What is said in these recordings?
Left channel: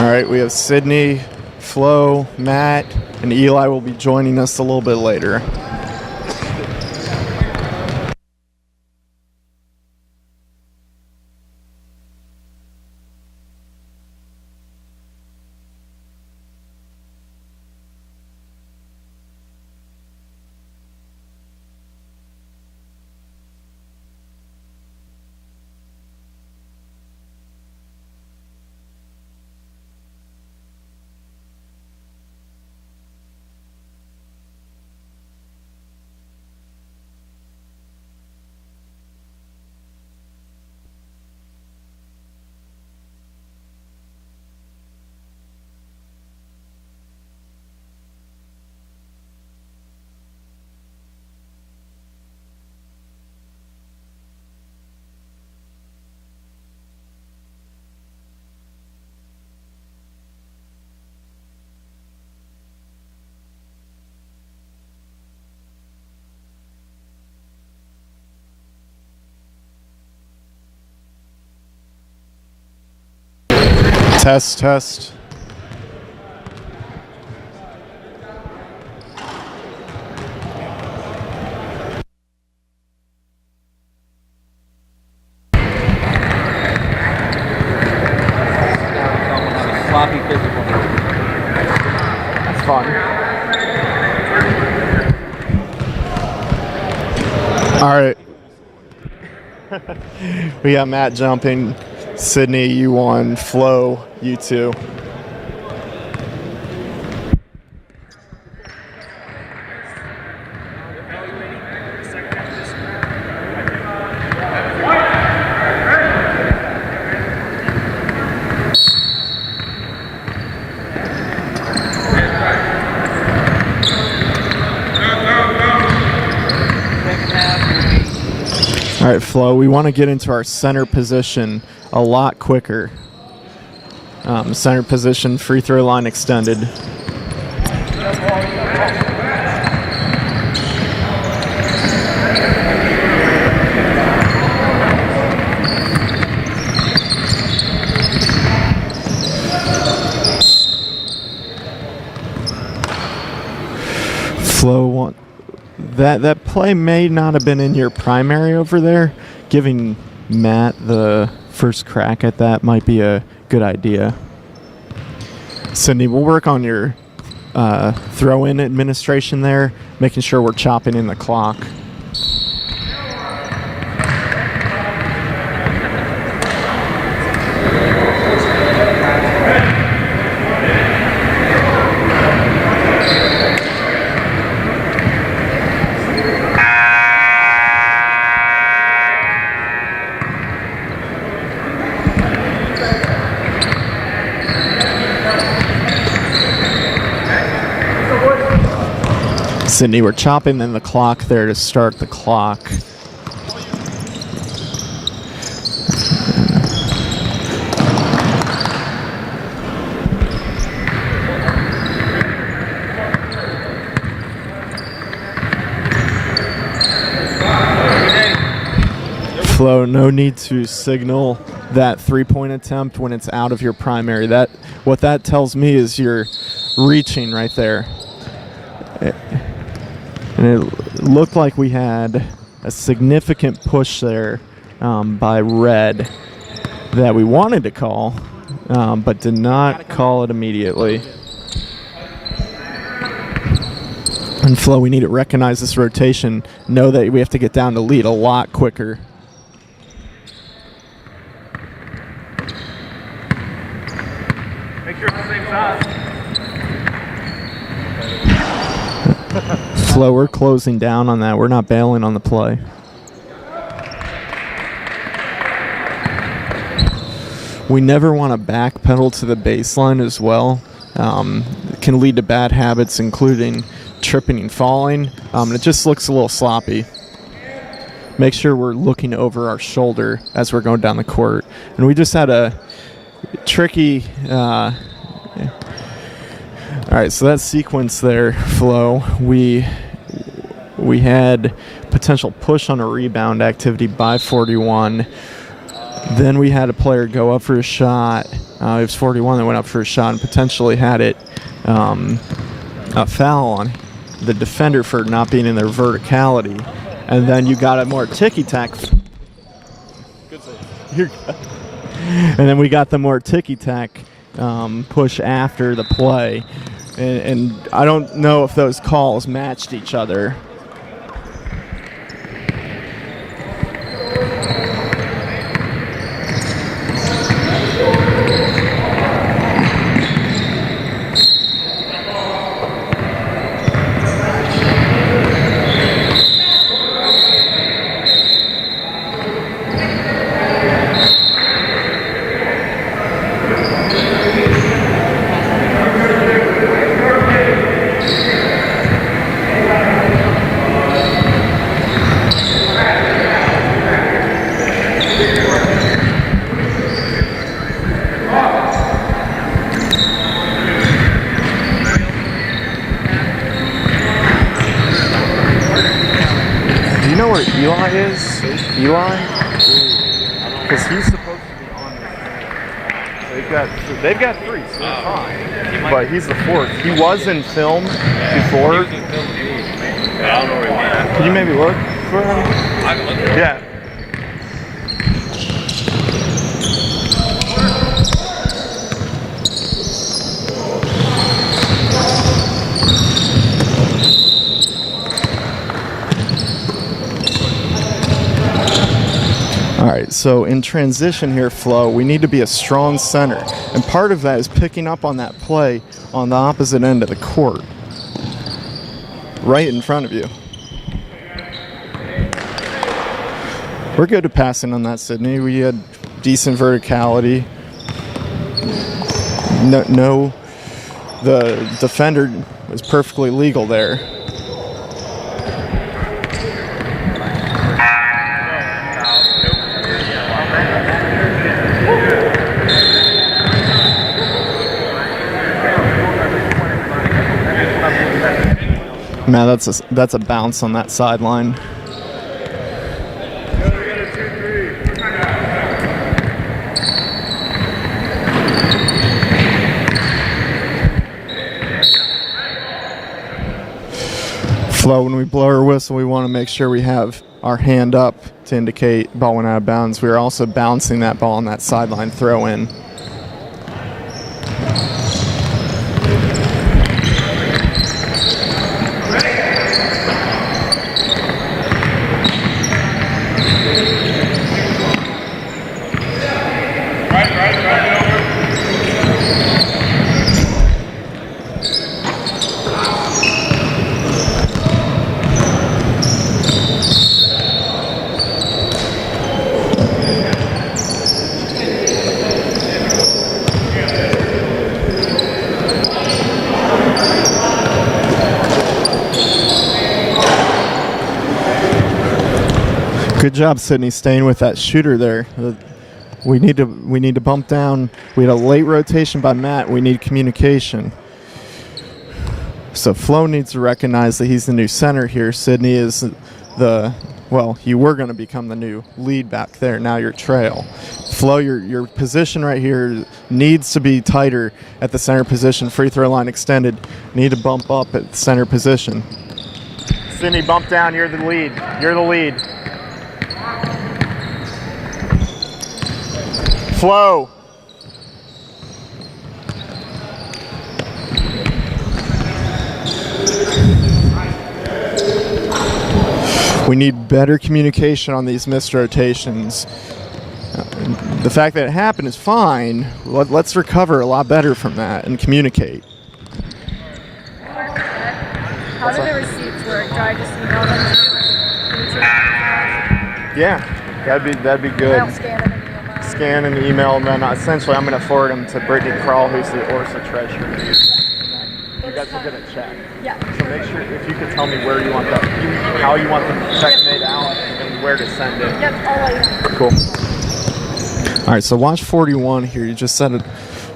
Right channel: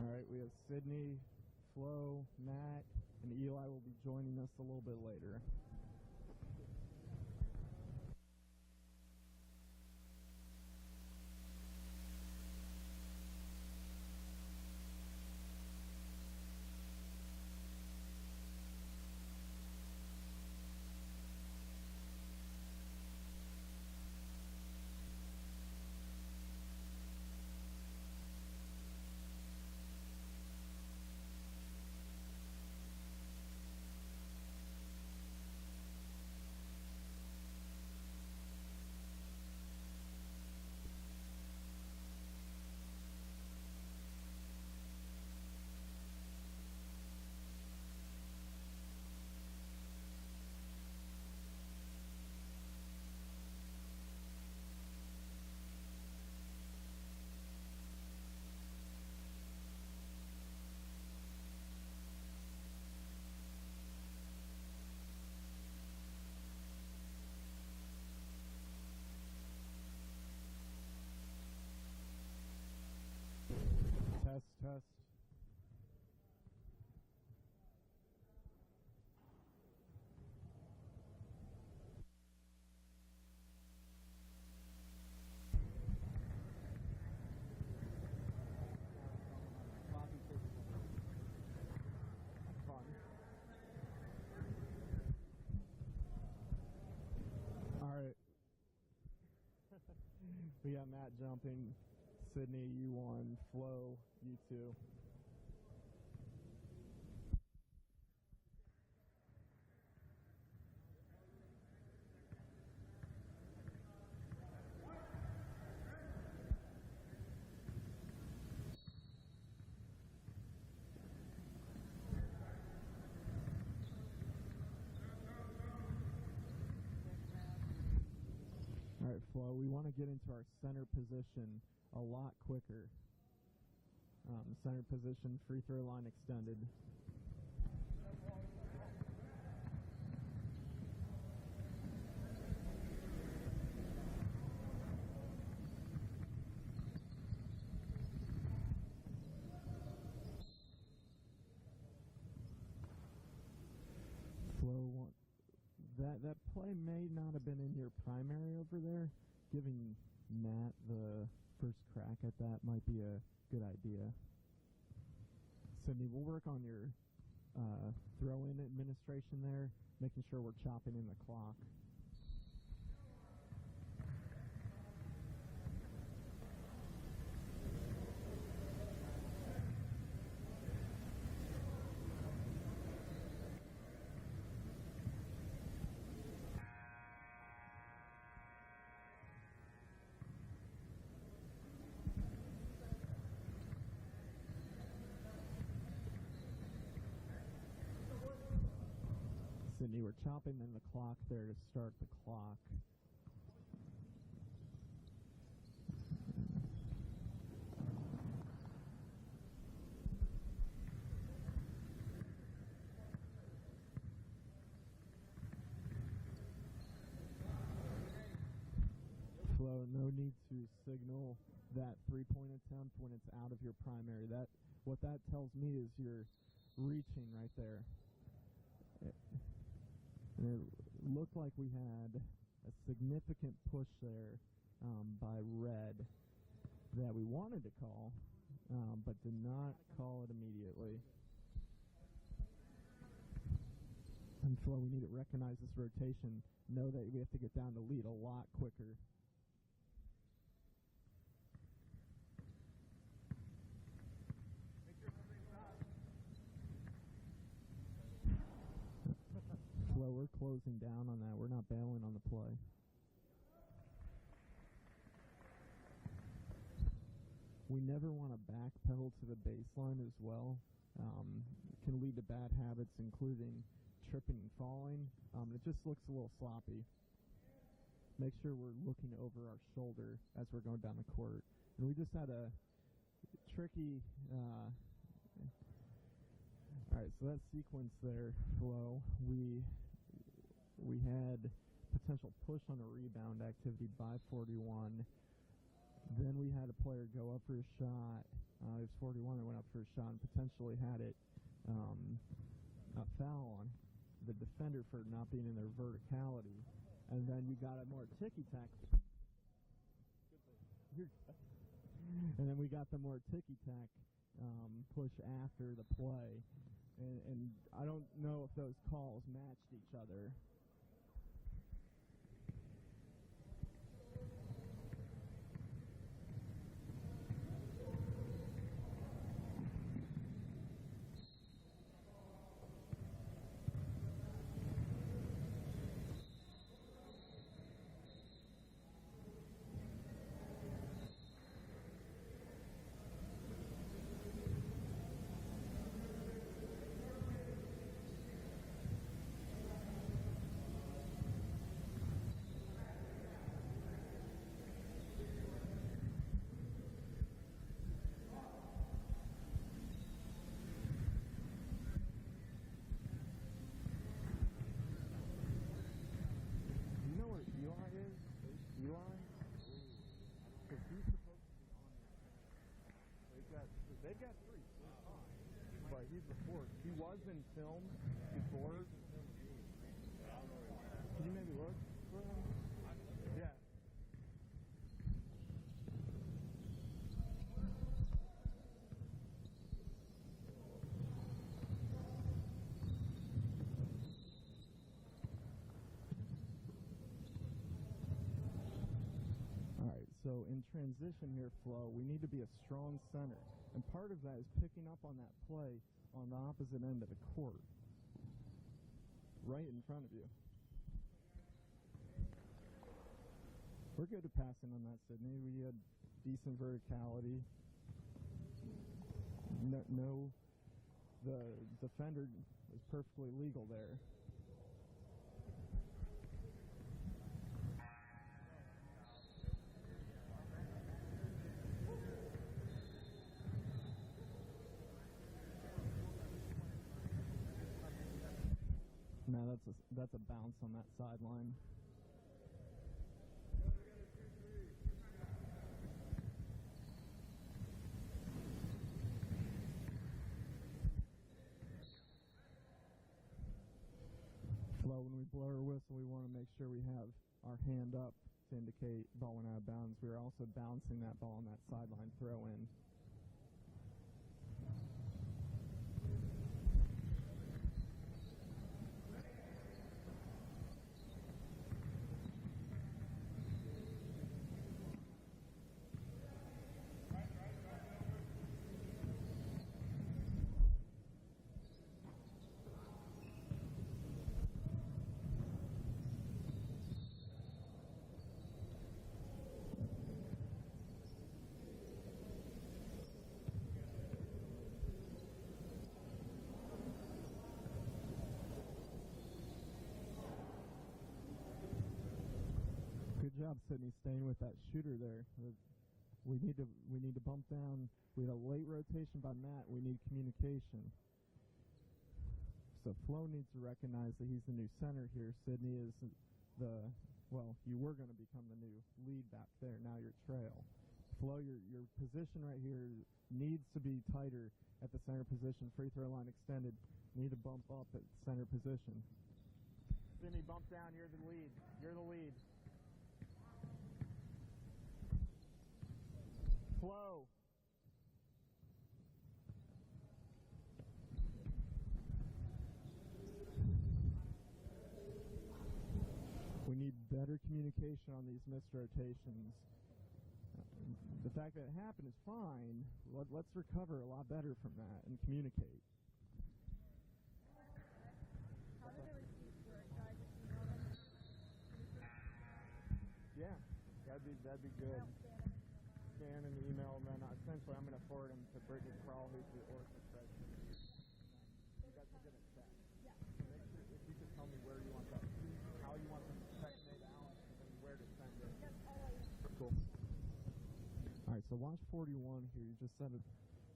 All right, we have Sydney, Flo, Matt, and Eli will be joining us a little bit later. Test, test. Sloppy physical. That's fun. All right. We got Matt jumping. Sydney, you won. Flo, you two. All right, Flo, we want to get into our center position a lot quicker. Center position, free throw line extended. Flo, that play may not have been in your primary over there. Giving Matt the first crack at that might be a good idea. Sydney, we'll work on your throw-in administration there, making sure we're chopping in the clock. Sydney, we're chopping in the clock there to start the clock. Flo, no need to signal that three-point attempt when it's out of your primary. What that tells me is you're reaching right there. And it looked like we had a significant push there by Red that we wanted to call, but did not call it immediately. And Flo, we need to recognize this rotation, know that we have to get down to lead a lot quicker. Make sure it's the same size. Flo, we're closing down on that. We're not bailing on the play. We never want to backpedal to the baseline as well. It can lead to bad habits, including tripping and falling. It just looks a little sloppy. Make sure we're looking over our shoulder as we're going down the court. And we just had a tricky... all right, so that sequence there, Flo, we had potential push on a rebound activity by 41. Then we had a player go up for a shot, It was 41 that went up for a shot and potentially had it a foul on the defender for not being in their verticality. And then you got a more ticky-tack. Good save. And then we got the more ticky-tack push after the play. And I don't know if those calls matched each other. Do you know where Eli is? Eli? Because he's supposed to be on the They've got three, so they're fine. But he's the fourth. He was in film before. I don't know where he went. Can you maybe look for him? I can look at it. Yeah. All right, so in transition here, Flo, we need to be a strong center. And part of that is picking up on that play on the opposite end of the court. Right in front of you. We're good at passing on that, Sydney. We had decent verticality. No, the defender was perfectly legal there. Man, that's a bounce on that sideline. Flo, when we blow our whistle, we want to make sure we have our hand up to indicate ball went out of bounds. We are also bouncing that ball on that sideline throw in. Good job, Sydney, staying with that shooter there. We need to bump down. We had a late rotation by Matt. We need communication. So Flo needs to recognize that he's the new center here. Sydney is you were going to become the new lead back there. Now you're trail. Flo, your position right here needs to be tighter at the center position. Free throw line extended. Need to bump up at the center position. Sydney, bump down. You're the lead. You're the lead. Flo. We need better communication on these missed rotations. The fact that it happened is fine. Let's recover a lot better from that and communicate. How do the receipts work? Do I just email them to you? Yeah, that'd be good. I'll scan them and email them. Scan and email, and then essentially I'm going to forward them to Brittany Kroll, who's the ORSA treasurer. You guys will get a check. Yeah. So make sure if you could tell me where you want how you want the check made out and where to send it. Yep, I'll let you know. Cool. All right, so watch 41 here. You just set a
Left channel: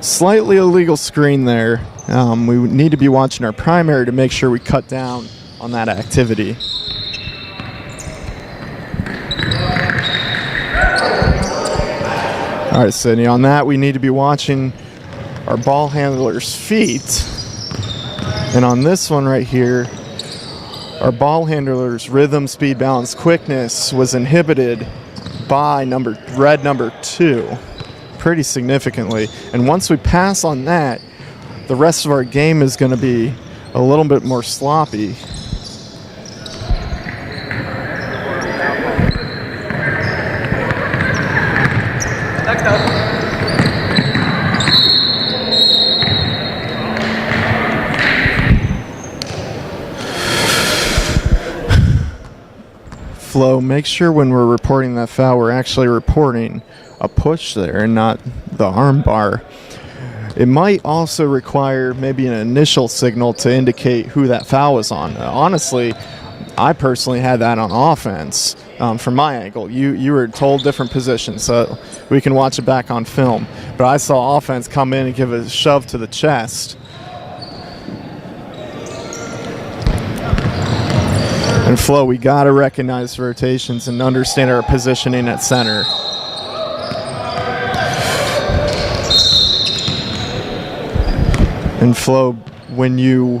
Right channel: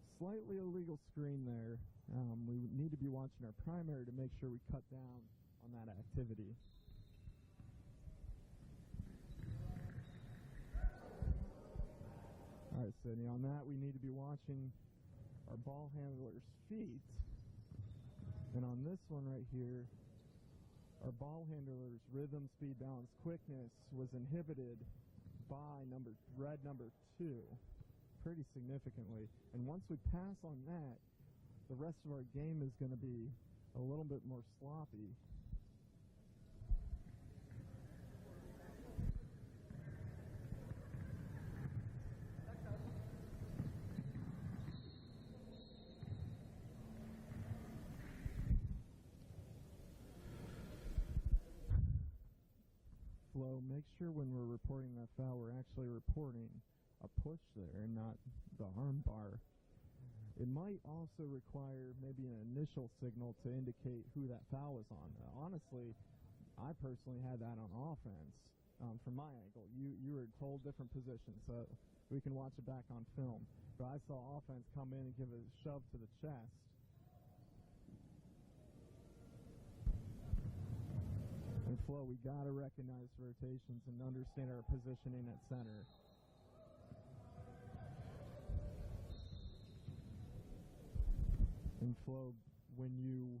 slightly illegal screen there. We need to be watching our primary to make sure we cut down on that activity. All right, Sydney, on that, we need to be watching our ball handler's feet. And on this one right here, our ball handler's rhythm, speed, balance, quickness was inhibited by red number 2 pretty significantly. And once we pass on that, the rest of our game is going to be a little bit more sloppy. Flo, make sure when we're reporting that foul, we're actually reporting a push there and not the arm bar. It might also require maybe an initial signal to indicate who that foul was on. Honestly, I personally had that on offense from my angle. You were told different positions, so we can watch it back on film. But I saw offense come in and give a shove to the chest. And Flo, we got to recognize rotations and understand our positioning at center. And Flo, when you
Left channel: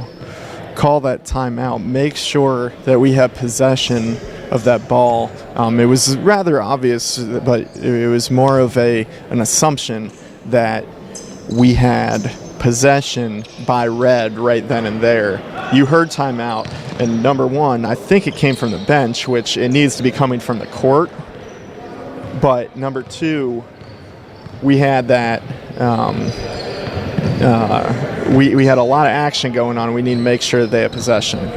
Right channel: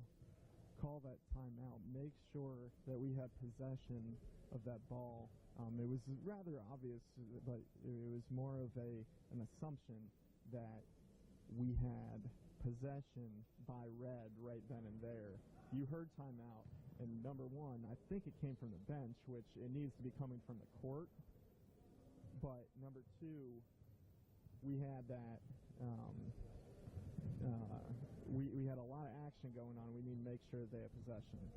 call that timeout, make sure that we have possession of that ball. It was rather obvious, but it was more of an assumption that we had possession by red right then and there. You heard timeout, and number one, I think it came from the bench, which it needs to be coming from the court. But number two, we had that we had a lot of action going on. We need to make sure that they have possession.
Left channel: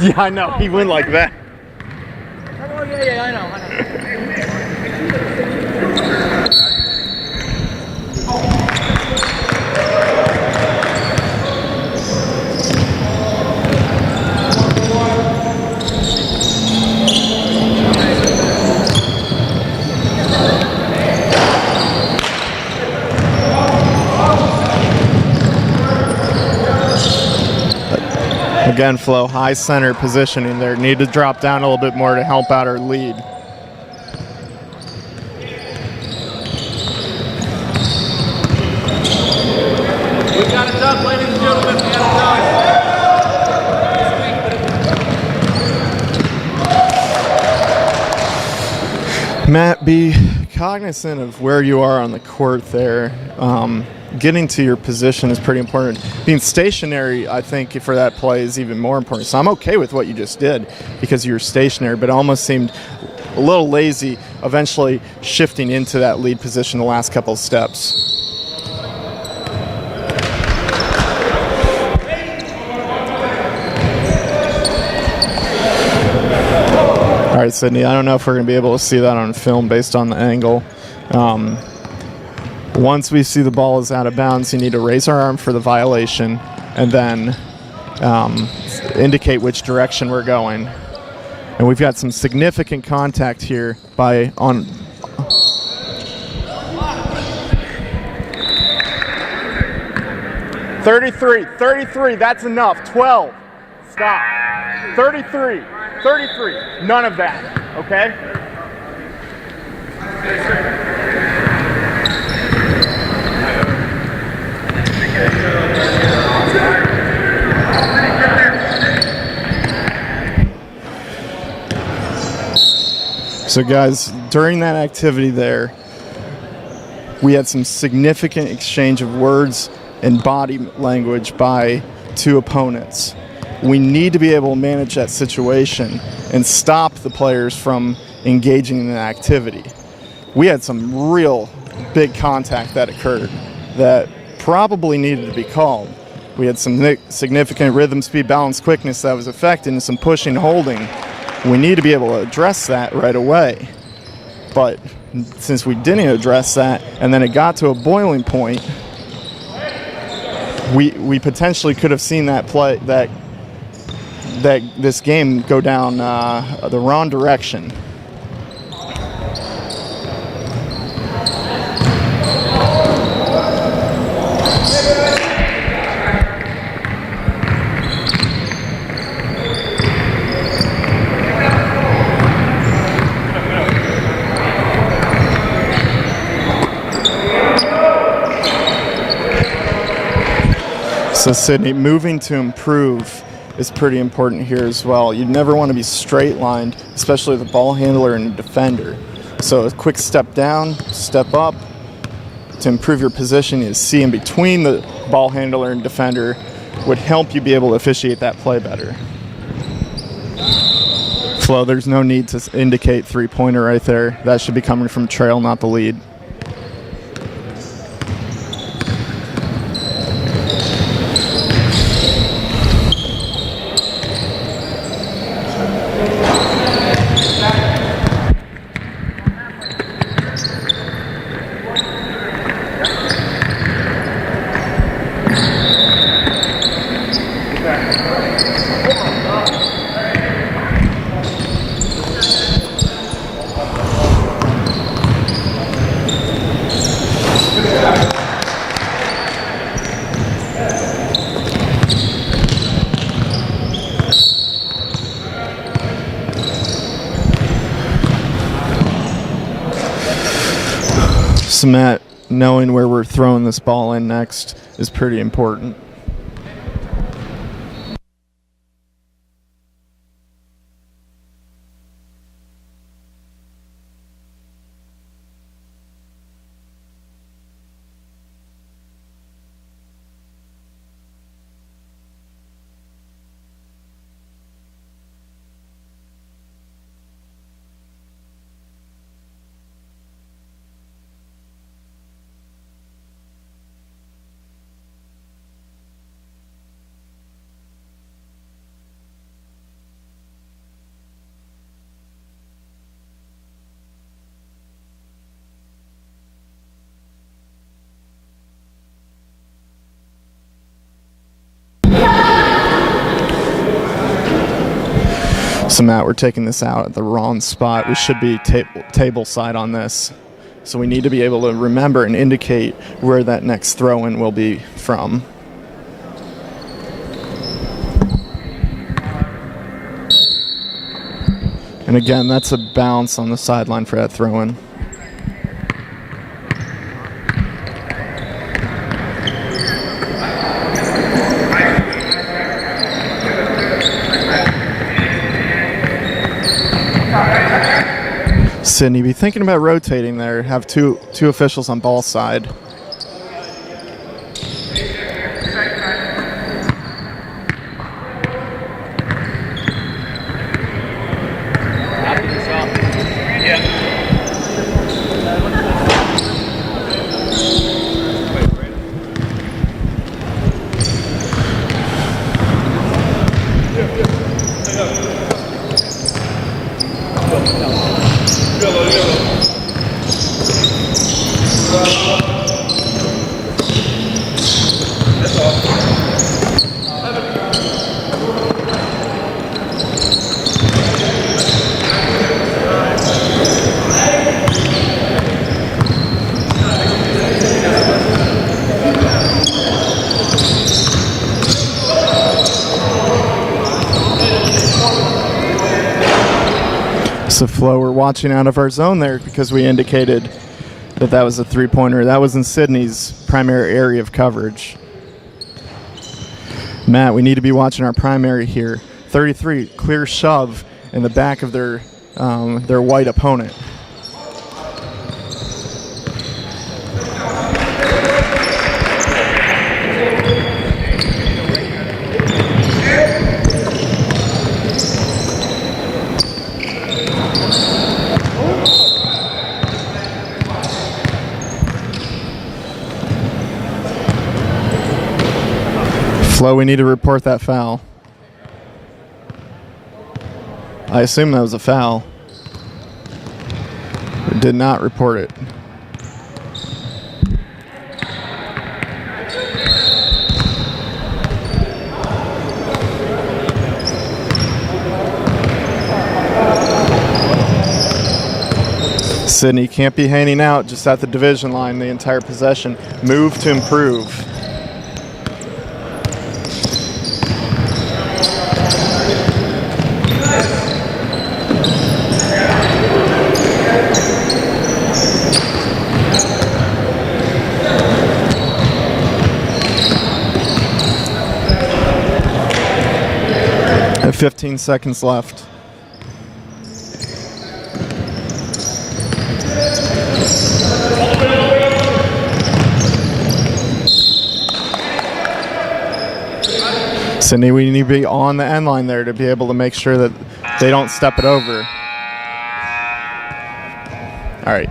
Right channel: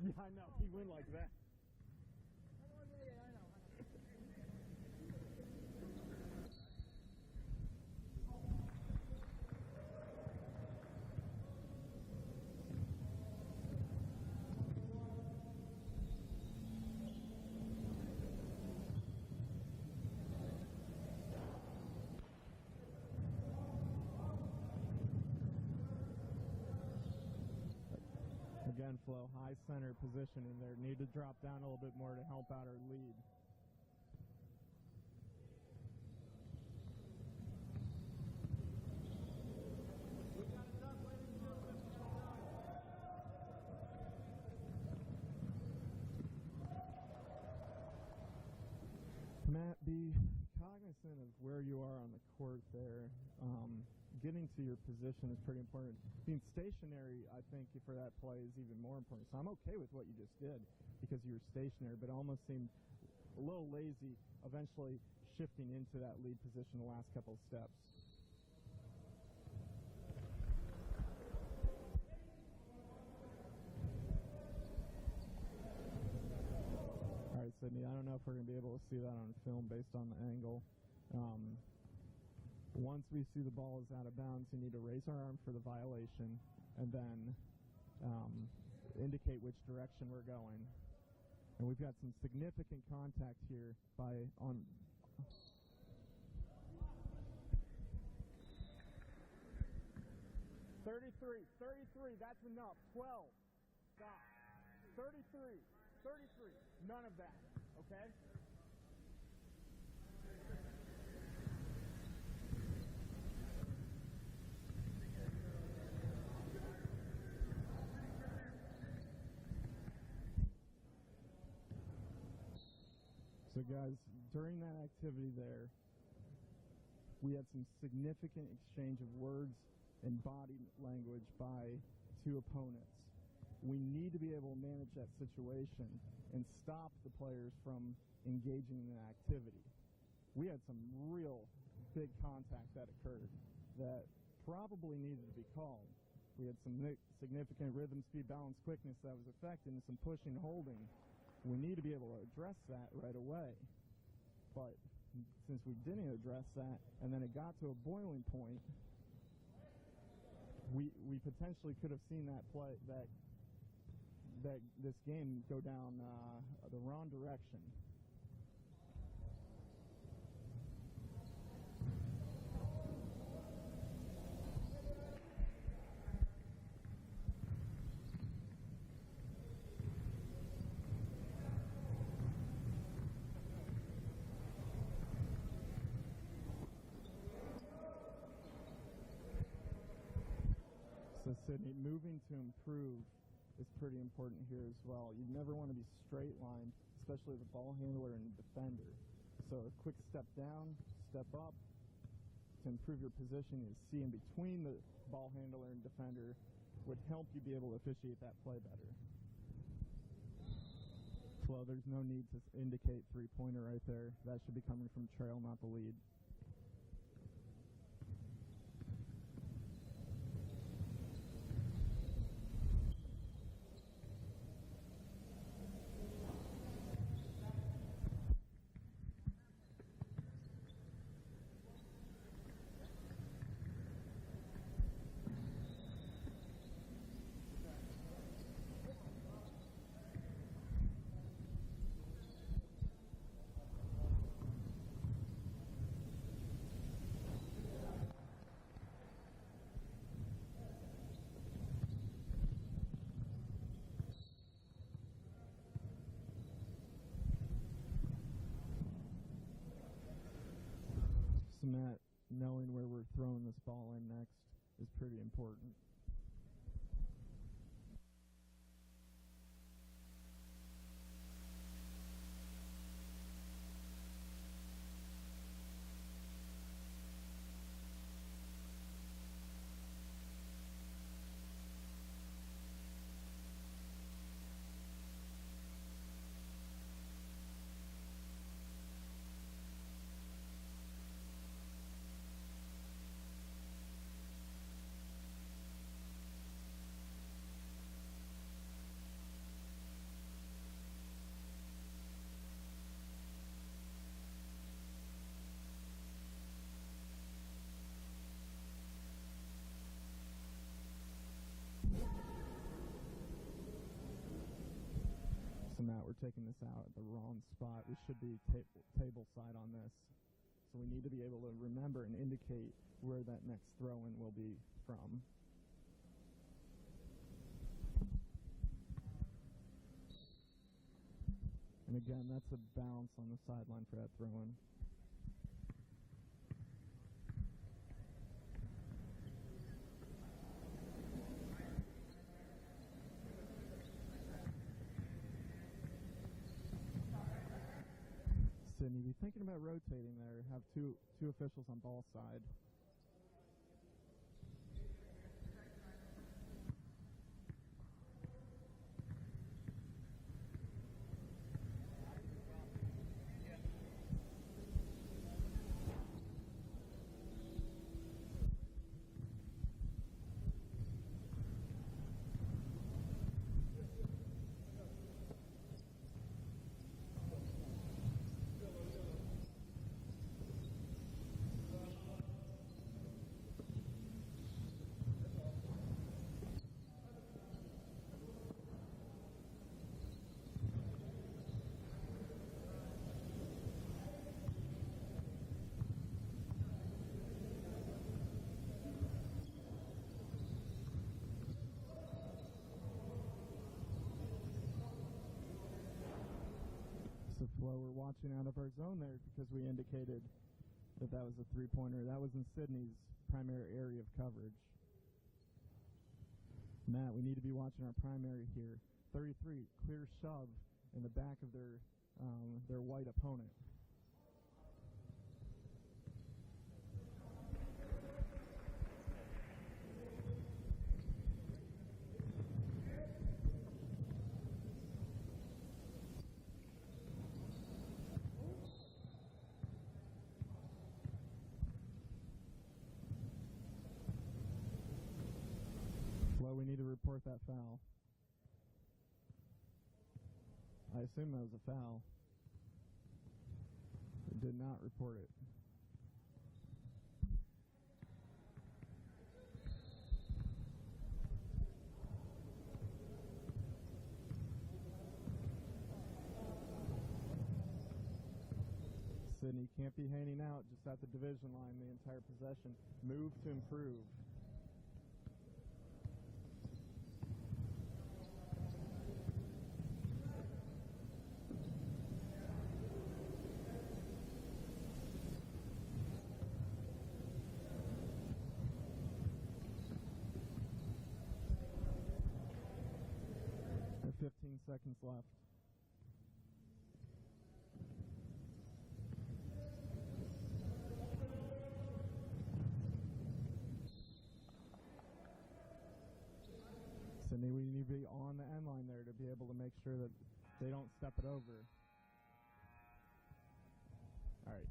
Yeah, I know. He went like that. Oh, yeah, I know. Again, Flo, high center positioning there. Need to drop down a little bit more to help out our lead. We got it done, ladies and gentlemen. We got it done. Matt, be cognizant of where you are on the court there. Getting to your position is pretty important. Being stationary, I think, for that play is even more important. So I'm okay with what you just did because you were stationary, but it almost seemed a little lazy eventually shifting into that lead position the last couple of steps. All right, Sydney, I don't know if we're going to be able to see that on film based on the angle. Once we see the ball is out of bounds, you need to raise our arm for the violation and then indicate which direction we're going. And we've got some significant contact here on 33, that's enough. 12, stop. 33, none of that, okay? So guys, during that activity there, we had some significant exchange of words and body language by two opponents. We need to be able to manage that situation and stop the players from engaging in the activity. We had some real big contact that occurred that probably needed to be called. We had some significant rhythm, speed, balance, quickness that was affected and some pushing, holding. We need to be able to address that right away. But since we didn't address that and then it got to a boiling point, we potentially could have seen that this game go down the wrong direction. So Sydney, moving to improve is pretty important here as well. You never want to be straight lined, especially the ball handler and the defender. So a quick step down, step up to improve your position is see in between the ball handler and defender would help you be able to officiate that play better. Flo, there's no need to indicate three-pointer right there. That should be coming from trail, not the lead. So Matt, knowing where we're throwing this ball in next is pretty important. So Matt, we're taking this out at the wrong spot. We should be table side on this. So we need to be able to remember and indicate where that next throw-in will be from. And again, that's a bounce on the sideline for that throw-in. Sydney, be thinking about rotating there. Have two officials on ball side. So Flo, we're watching out of our zone there because we indicated that was a three-pointer. That was in Sydney's primary area of coverage. Matt, we need to be watching our primary here. 33, clear shove in the back of their white opponent. Flo, we need to report that foul. I assume that was a foul. We did not report it. Sydney can't be hanging out just at the division line the entire possession. Move to improve. And 15 seconds left. Sydney, we need to be on the end line there to be able to make sure that they don't step it over. All right.